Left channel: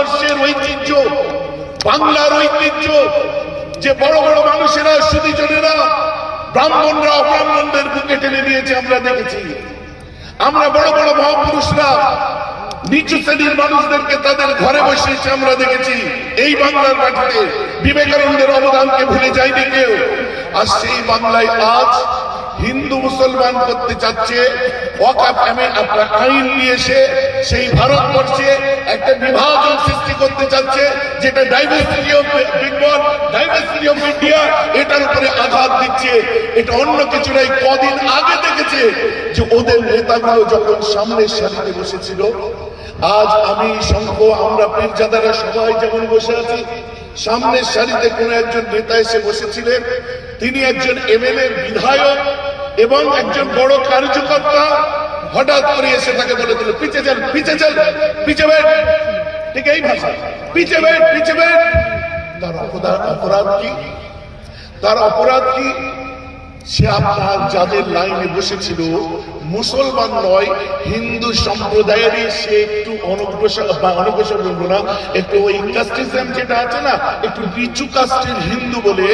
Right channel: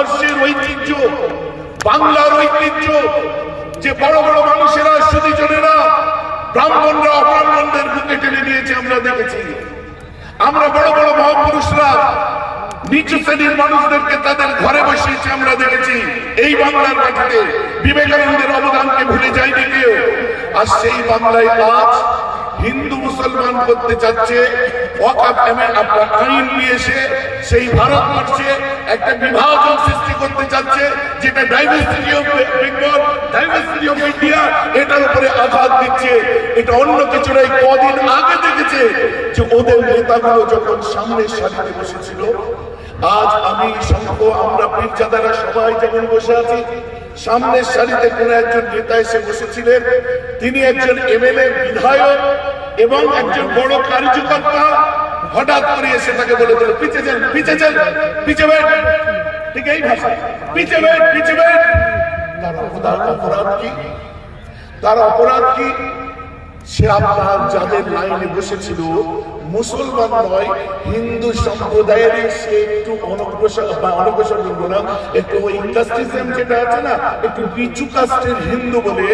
ভারতবর্ষের ঐতিহ্য, বাংলার ঐতিহ্য, যে বড় বড় মানুষেরা, সুধীজনেরা, ব্রাহ্মণরা অব্রাহ্মণদের বুকে টেনে নিয়েছে আমরা দেখেছি। আমরা বড় বড় মহাপুরুষরা নিচু শ্রেণীর মানুষদেরকে তাদের ঘরে বসিয়েছে আমরা দেখেছি। এই বাংলার মাটিতে বিবেকানন্দের অবদানকে ভুলে যায়নি কেউ। আর সেই বাংলায় আজ হিন্দু মুসলমান করতে চাচ্ছে, ওয়াকফ আইন নিয়ে এসে সেই ভারতবর্ষে একটা বিভাজন সৃষ্টি করতে চাচ্ছে, যেটা diversity of Bengal, diversity of India, এটার উপরে আঘাত দিচ্ছে। এটা অন্য কিছু নয়। কদিন আগে দেখেছে যে ওদের নেতাগুলো যখন সামনের সারিতে বসেছিল, আজ আমি শঙ্খ, আমরা পীরজাদারা সবাই যেমন বসে আছি, সামনের সারিতে কোন একজন নেতা এসে বসেছিলেন। তিনি একজন এমএলএ, বিধায়ক এবং একজন বড় কার্যকর্তা। হঠাৎ করে এসে তাকে বলে দিল, পিছে যান, পিছে যান, পিছে বেট। ঠিক এই ভাষা, পিছে বেট, পিছে বেট। তার অপরাধ কি? তার অপরাধ কি? সে আপনার যাদের লাইনে বসেছিল মুসলমান নয়, হিন্দু সম্প্রদায়েরই সে একটু অনগ্রসর বলবো না, একটু ওই কাস্টিজম যেটা আছে না, একটু নিচু কাস্টের হিন্দু বলে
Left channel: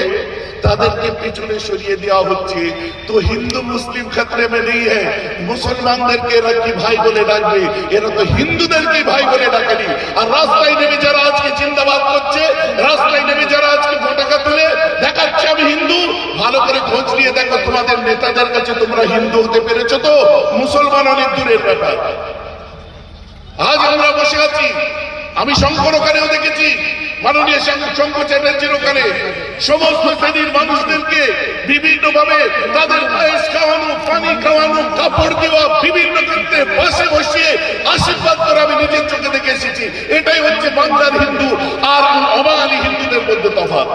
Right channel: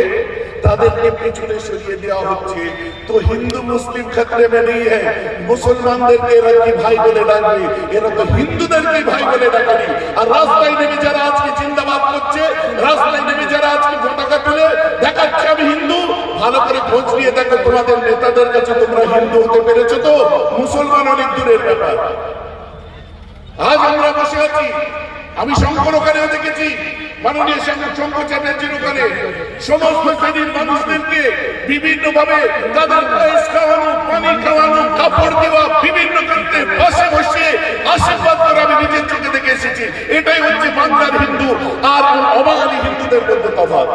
তাদেরকে পেছনে সরিয়ে দেওয়া হচ্ছে। তো হিন্দু মুসলিম ক্ষেত্রে में नहीं है, মুসলমানদেরকে এরা কি ভাই বলে ডাকবে? এরা তো হিন্দুদেরকে ভাই বলে ডাকেনি। আর রাস্তায় নেমে যারা আজকে জিন্দাবাদ করছে, রাস্তায় নেমে যারা আজকে পতাকা তুলে দেখাচ্ছে আমি হিন্দু, ভালো করে খোঁজ নিয়ে দেখো তোমাদের নেতাদের কাছে তোমরা হিন্দু হতে পেরেছো তো? মুসলমান অনেক দূরের ব্যাপার। আজ আমরা বসে আছি, আমি শঙ্কর ওখানেও দেখেছি, মাননীয় শঙ্কর চ্যাটার্জির ওখানে সমস্ত শ্রেণীর মানুষদেরকে বিভিন্ন ভাবে তাদের খাওয়ানো, পানি খাওয়ানো, কাপড় দেওয়া, বিভিন্ন ক্ষেত্রে পাশে বসে আশীর্বাদ করা আমি নিজের চোখে দেখে এসেছি। এটাই হচ্ছে বাংলার হিন্দু আর অবাঙালি হিন্দুদের মধ্যে তফাৎ।